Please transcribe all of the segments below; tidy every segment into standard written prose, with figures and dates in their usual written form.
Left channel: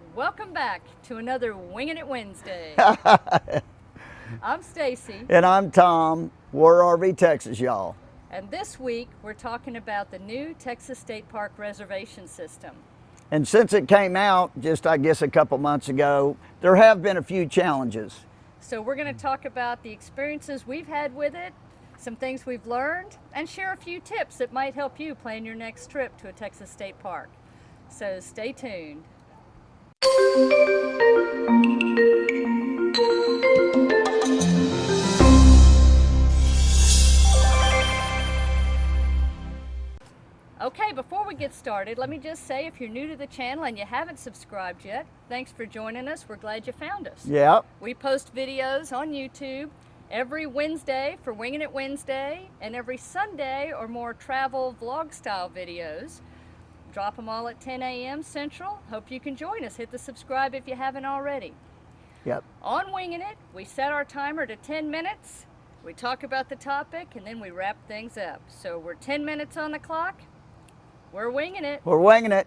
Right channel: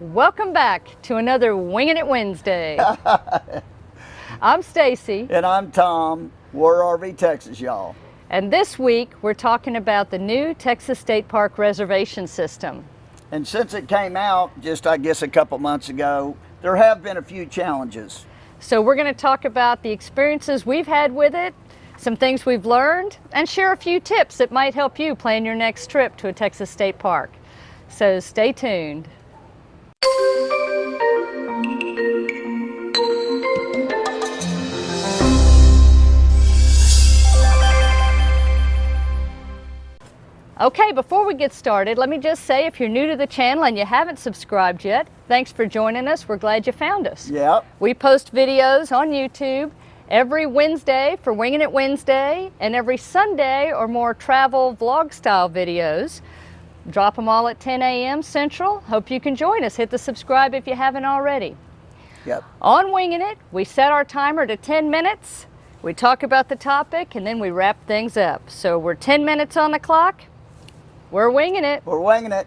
Welcome back to another Wingin' It Wednesday. I'm Stacy. And I'm Tom. We're RV Texas, y'all. And this week we're talking about the new Texas State Park reservation system. And since it came out just, I guess, a couple months ago, there have been a few challenges. So we're going to talk about the experiences we've had with it, some things we've learned, and share a few tips that might help you plan your next trip to a Texas State Park. So stay tuned. Okay, before we get started, let me just say if you're new to the channel and you haven't subscribed yet, thanks for joining us. We're glad you found us. Yeah. We post videos on YouTube every Wednesday for Wingin' It Wednesday and every Sunday or more travel vlog style videos. Drop them all at 10 a.m. Central. Hope you can join us. Hit the subscribe if you haven't already. Yep. On Wingin' It, we set our timer to 10 minutes. We talk about the topic and then we wrap things up. So we're 10 minutes on the clock. We're winging it. We're winging it.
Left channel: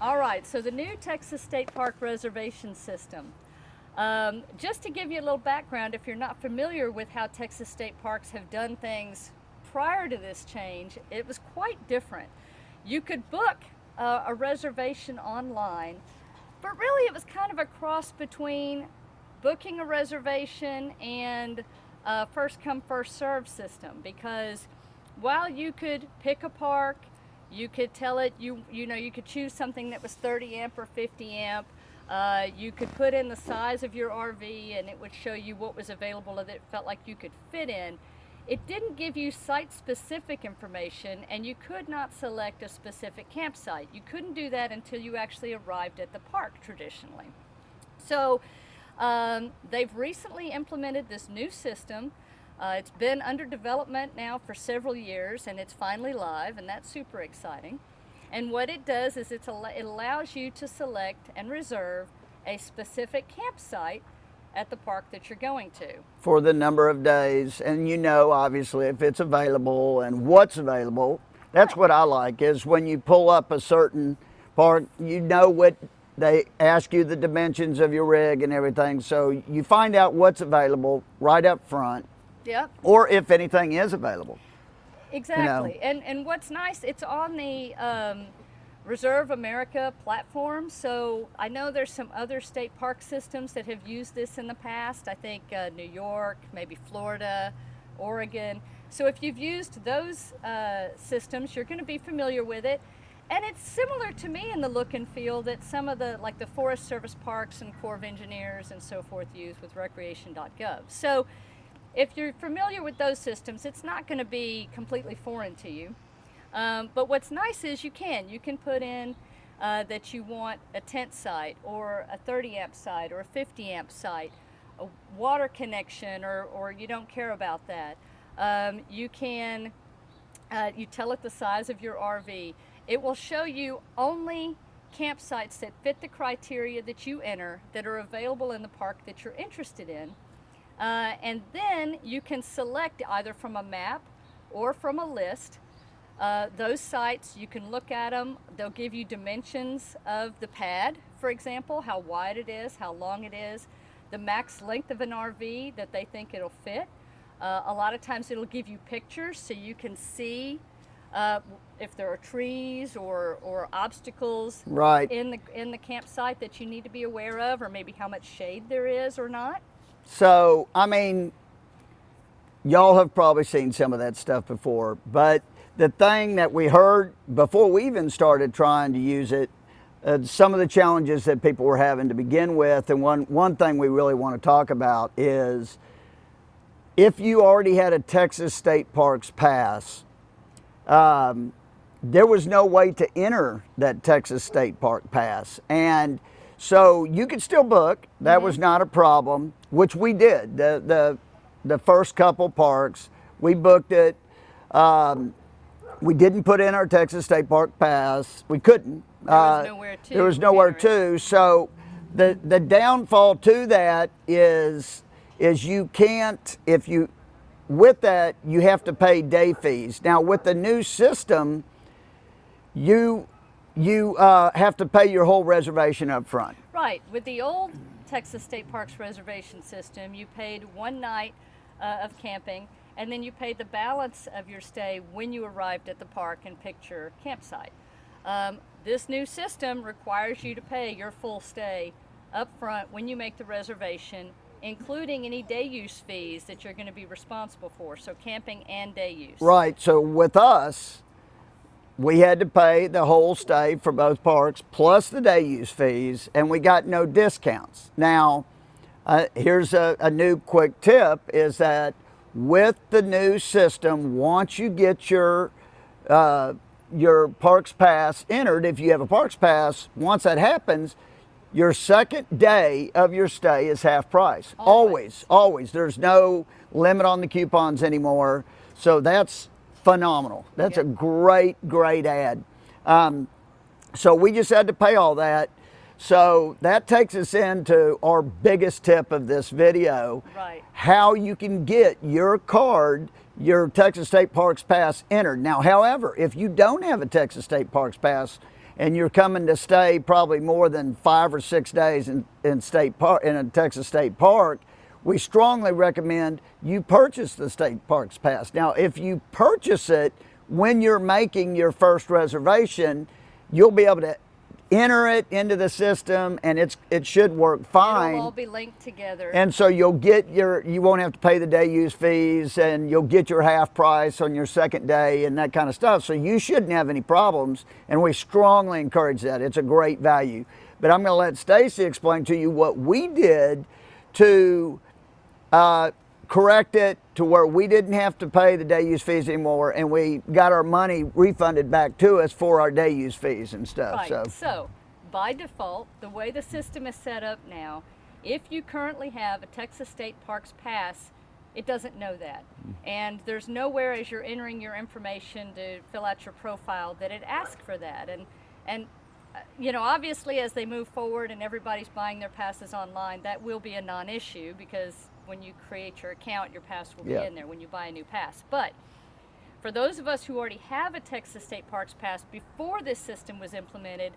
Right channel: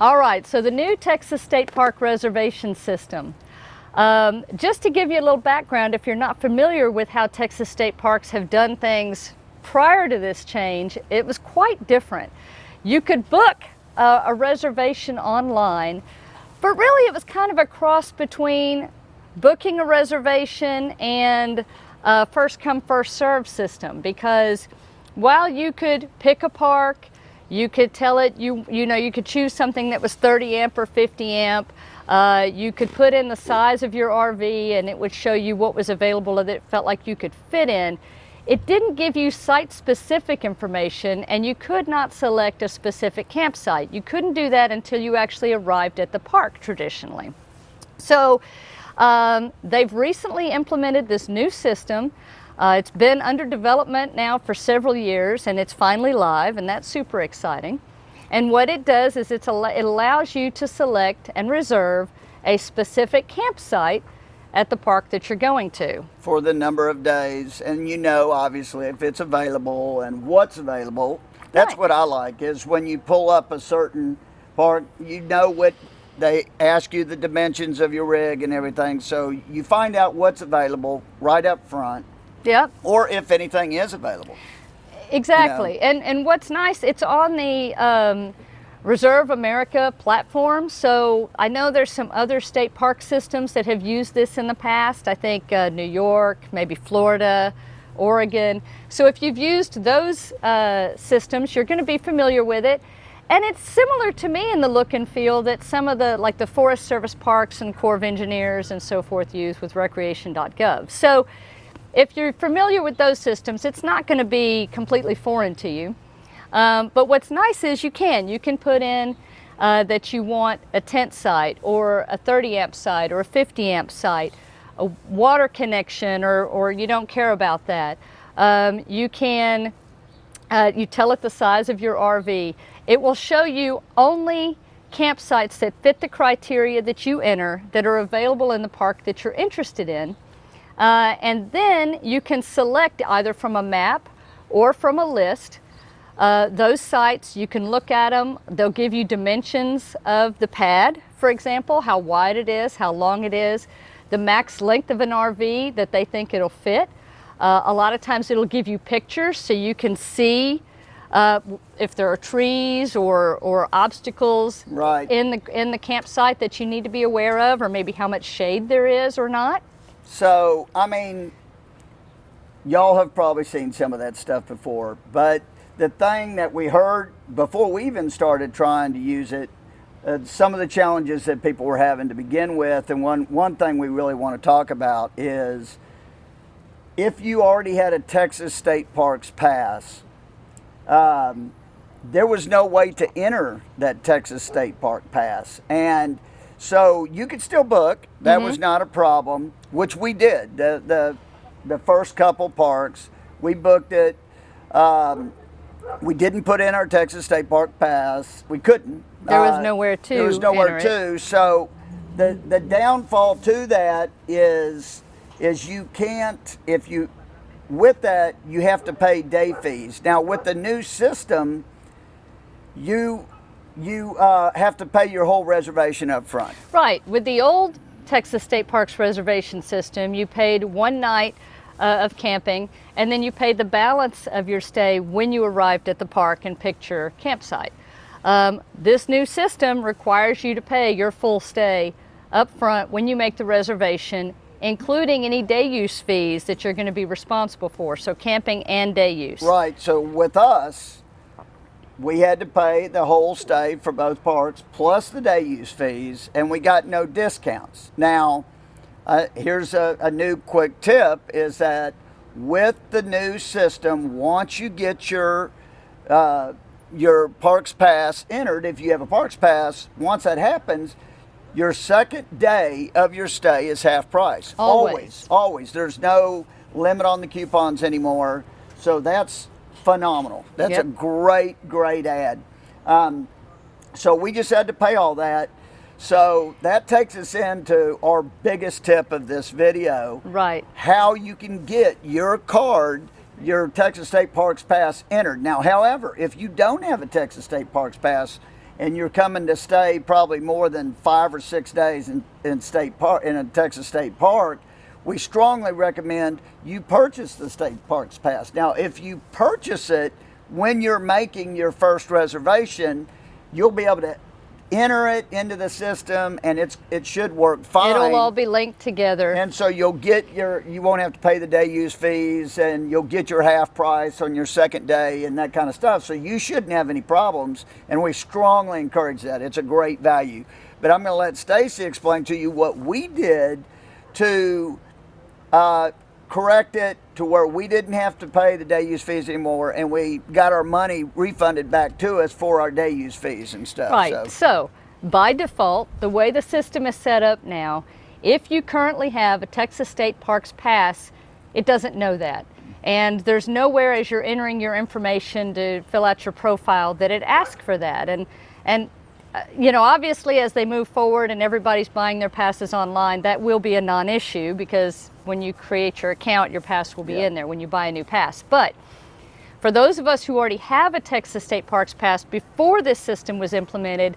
All right, so the new Texas State Park reservation system. Just to give you a little background, if you're not familiar with how Texas State Parks have done things prior to this change, it was quite different. You could book a reservation online, but really it was kind of a cross between booking a reservation and a first come first served system, because while you could pick a park, you could tell it, you could choose something that was 30 amp or 50 amp. You could put in the size of your RV and it would show you what was available that it felt like you could fit in. It didn't give you site-specific information, and you could not select a specific campsite. You couldn't do that until you actually arrived at the park traditionally. So they've recently implemented this new system. It's been under development now for several years, and it's finally live, and that's super exciting. And what it does is it allows you to select and reserve a specific campsite at the park that you're going to. For the number of days, and obviously, if it's available and what's available. That's Right. what I like, is when you pull up a certain park, what they ask you the dimensions of your rig and everything, so you find out what's available right up front. Yep. Or if anything is available. Exactly. And what's nice, it's on the Reserve America platform. So I know there's some other state park systems that have used this in the past. I think New York, maybe Florida, Oregon. So if you've used those systems, you're going to be familiar with it. And it's similar to me in the look and feel that some of the Forest Service parks and Corps of Engineers and so forth use with recreation.gov. So if you're familiar with those systems, it's not going to be completely foreign to you. But what's nice is you can put in that you want a tent site or a 30 amp site or a 50 amp site, a water connection, or you don't care about that. You tell it the size of your RV. It will show you only campsites that fit the criteria that you enter that are available in the park that you're interested in. And then you can select either from a map or from a list. Those sites, you can look at them. They'll give you dimensions of the pad, for example, how wide it is, how long it is, the max length of an RV that they think it'll fit. A lot of times it'll give you pictures so you can see if there are trees or obstacles Right. in the campsite that you need to be aware of, or maybe how much shade there is or not. So, y'all have probably seen some of that stuff before, but the thing that we heard before we even started trying to use it, some of the challenges that people were having to begin with, and one thing we really want to talk about is if you already had a Texas State Parks pass, there was no way to enter that Texas State Park pass. And so you could still book. That was not a problem, which we did. The first couple parks, we booked it. We didn't put in our Texas State Park pass. We couldn't. There was nowhere to There was nowhere enter to. So the downfall to that is you can't, with that, you have to pay day fees. Now with the new system, you you have to pay your whole reservation up front. Right. With the old Texas State Parks reservation system, you paid one night of camping, and then you paid the balance of your stay when you arrived at the park and picked your campsite. This new system requires you to pay your full stay up front when you make the reservation, including any day use fees that you're going to be responsible for, so camping and day use. Right. So with us, we had to pay the whole stay for both parks plus the day use fees, and we got no discounts. Now, here's a new quick tip, is that with the new system, once you get your Parks Pass entered, if you have a Parks Pass, once that happens, your second day of your stay is half price. Always. Always. There's no limit on the coupons anymore. So that's phenomenal. That's a great ad. So we just had to pay all that. So that takes us into our biggest tip of this video. Right. How you can get your card, your Texas State Parks Pass entered. Now, however, if you don't have a Texas State Parks Pass and you're coming to stay probably more than 5 or 6 days in a Texas State Park, we strongly recommend you purchase the State Parks Pass. Now, if you purchase it when you're making your first reservation, you'll be able to enter it into the system, and it should work fine. It'll all be linked together. And so you won't have to pay the day use fees, and you'll get your half price on your second day and that kind of stuff. So you shouldn't have any problems, and we strongly encourage that. It's a great value. But I'm going to let Stacy explain to you what we did to correct it to where we didn't have to pay the day use fees anymore, and we got our money refunded back to us for our day use fees and stuff. Right. So by default, the way the system is set up now, if you currently have a Texas State Parks Pass, it doesn't know that. And there's nowhere as you're entering your information to fill out your profile that it asks for that. And you know, obviously as they move forward and everybody's buying their passes online, that will be a non-issue, because when you create your account, your pass will be in there when you buy a new pass. But for those of us who already have a Texas State Parks Pass before this system was implemented,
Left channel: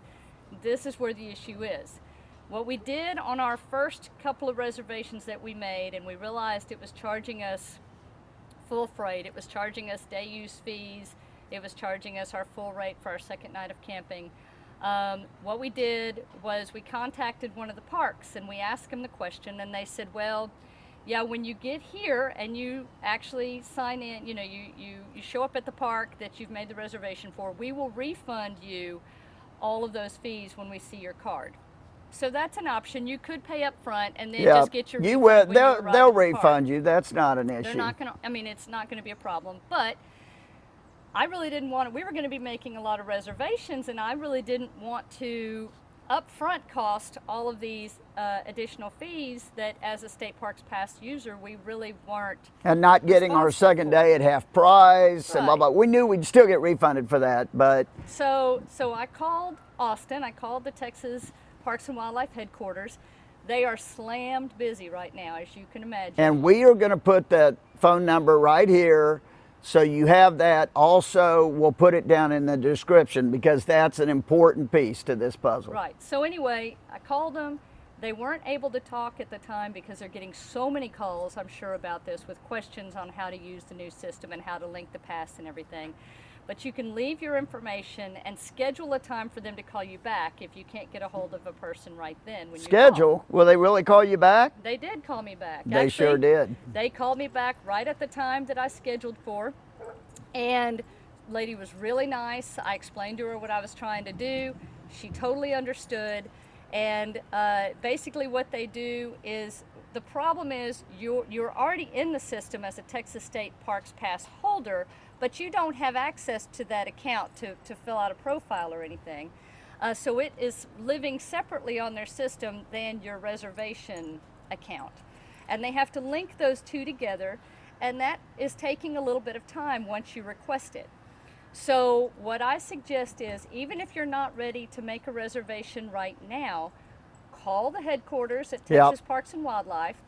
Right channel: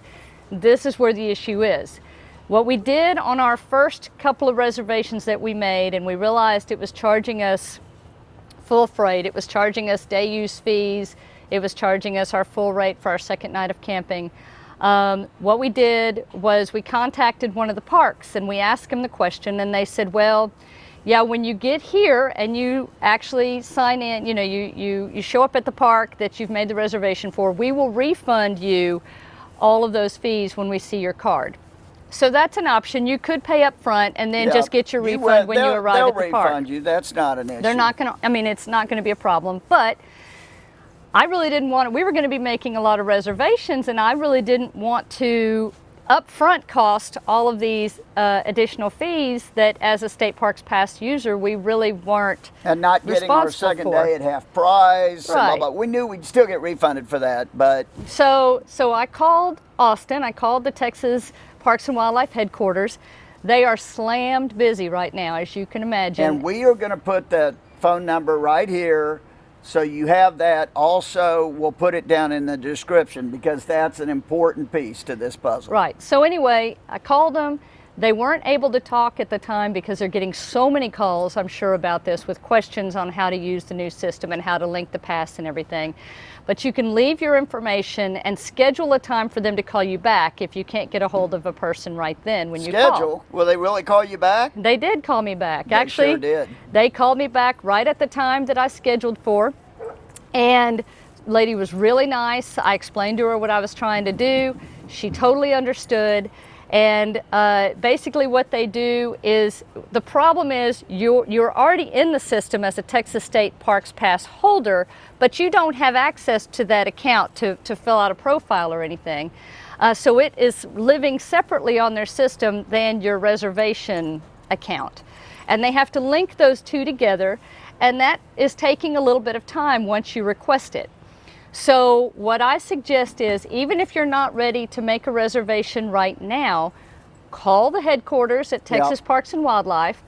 this is where the issue is. What we did on our first couple of reservations that we made, and we realized it was charging us full freight, it was charging us day use fees, it was charging us our full rate for our second night of camping. What we did was we contacted one of the parks and we asked them the question, and they said, well, yeah, when you get here and you actually sign in, you know, you show up at the park that you've made the reservation for, we will refund you all of those fees when we see your card. So that's an option. You could pay up front and then just get your refund when you arrive at the park. They'll refund you. That's not an issue. They're not going to, I mean, it's not going to be a problem, but I really didn't want to, we were going to be making a lot of reservations, and I really didn't want to upfront cost all of these additional fees that as a State Parks Pass user, we really weren't and not getting our second day at half price. Right. And blah, blah. We knew we'd still get refunded for that, but. So I called Austin, I called the Texas Parks and Wildlife headquarters. They are slammed busy right now, as you can imagine. And we are going to put that phone number right here, so you have that. Also, we'll put it down in the description, because that's an important piece to this puzzle. Right. So anyway, I called them. They weren't able to talk at the time because they're getting so many calls, I'm sure, about this, with questions on how to use the new system and how to link the pass and everything. But you can leave your information and schedule a time for them to call you back if you can't get a hold of a person right then when you call. Schedule? Will they really call you back? They did call me back. They Actually, sure did. They called me back right at the time that I scheduled for. And the lady was really nice. I explained to her what I was trying to do. She totally understood. And basically what they do is, the problem is you're already in the system as a Texas State Parks Pass holder, but you don't have access to that account to fill out a profile or anything. So it is living separately on their system than your reservation account. And they have to link those two together, and that is taking a little bit of time once you request it. So what I suggest is, even if you're not ready to make a reservation right now, call the headquarters at Texas Parks and Wildlife,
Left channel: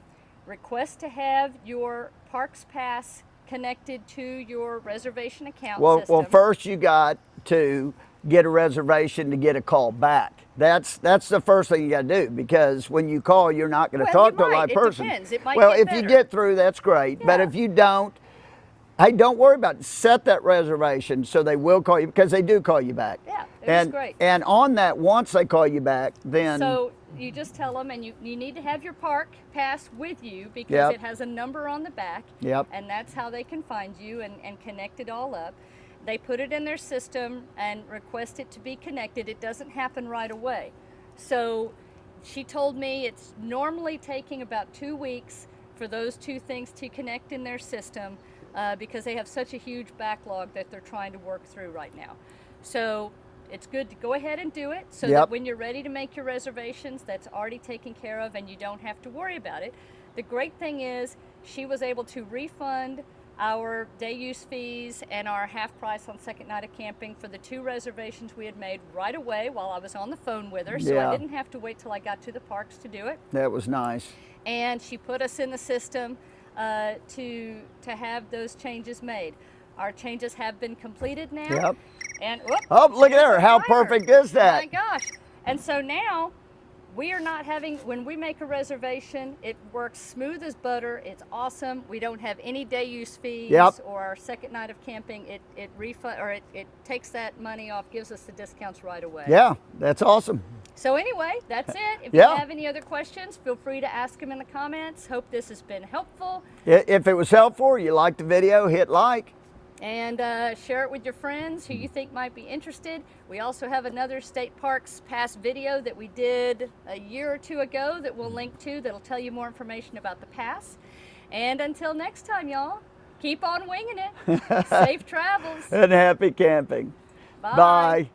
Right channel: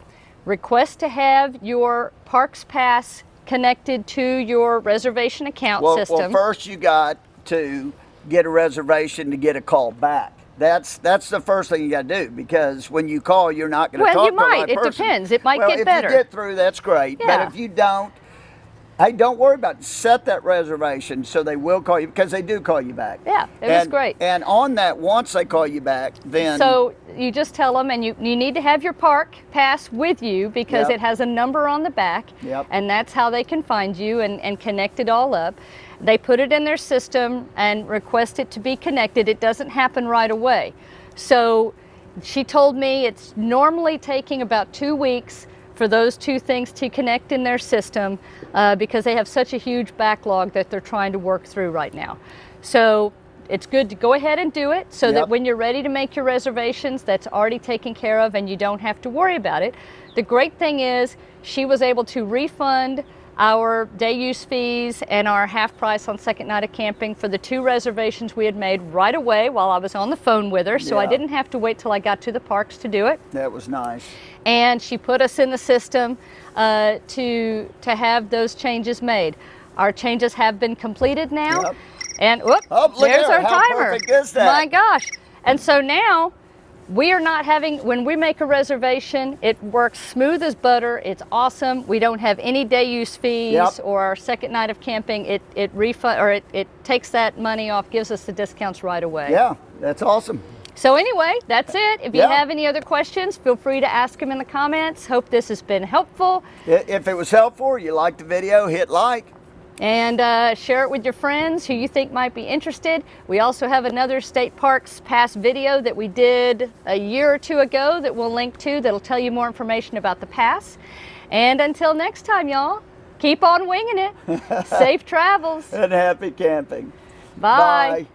request to have your Parks Pass connected to your reservation account system. Well, first you got to get a reservation to get a call back. That's the first thing you got to do, because when you call, you're not going to talk to a live person. It depends. It might well, get better. If you get through, that's great. Yeah. But if you don't, hey, don't worry about it. Set that reservation so they will call you, because they do call you back. Yeah, it was great. And on that, once they call you back, then... So you just tell them, and you need to have your park pass with you, because it has a number on the back, and that's how they can find you and connect it all up. They put it in their system and request it to be connected. It doesn't happen right away. So she told me it's normally taking about 2 weeks for those two things to connect in their system, because they have such a huge backlog that they're trying to work through right now. So it's good to go ahead and do it, so that when you're ready to make your reservations, that's already taken care of and you don't have to worry about it. The great thing is she was able to refund our day use fees and our half price on second night of camping for the 2 reservations we had made right away while I was on the phone with her. So I didn't have to wait till I got to the parks to do it. That was nice. And she put us in the system to have those changes made. Our changes have been completed now. And whoop, oh, look there's at her. our How timer. perfect is that? My gosh. And so now we are not having, when we make a reservation, it works smooth as butter. It's awesome. We don't have any day use fees or our second night of camping. It takes that money off, gives us the discounts right away. Yeah, that's awesome. So anyway, that's it. If you have any other questions, feel free to ask them in the comments. Hope this has been helpful. If it was helpful, or you liked the video, hit like. And share it with your friends who you think might be interested. We also have another State Parks Pass video that we did a year or 2 ago that we'll link to, that'll tell you more information about the pass. And until next time, y'all, keep on winging it. Safe travels. And happy camping. Bye. Bye.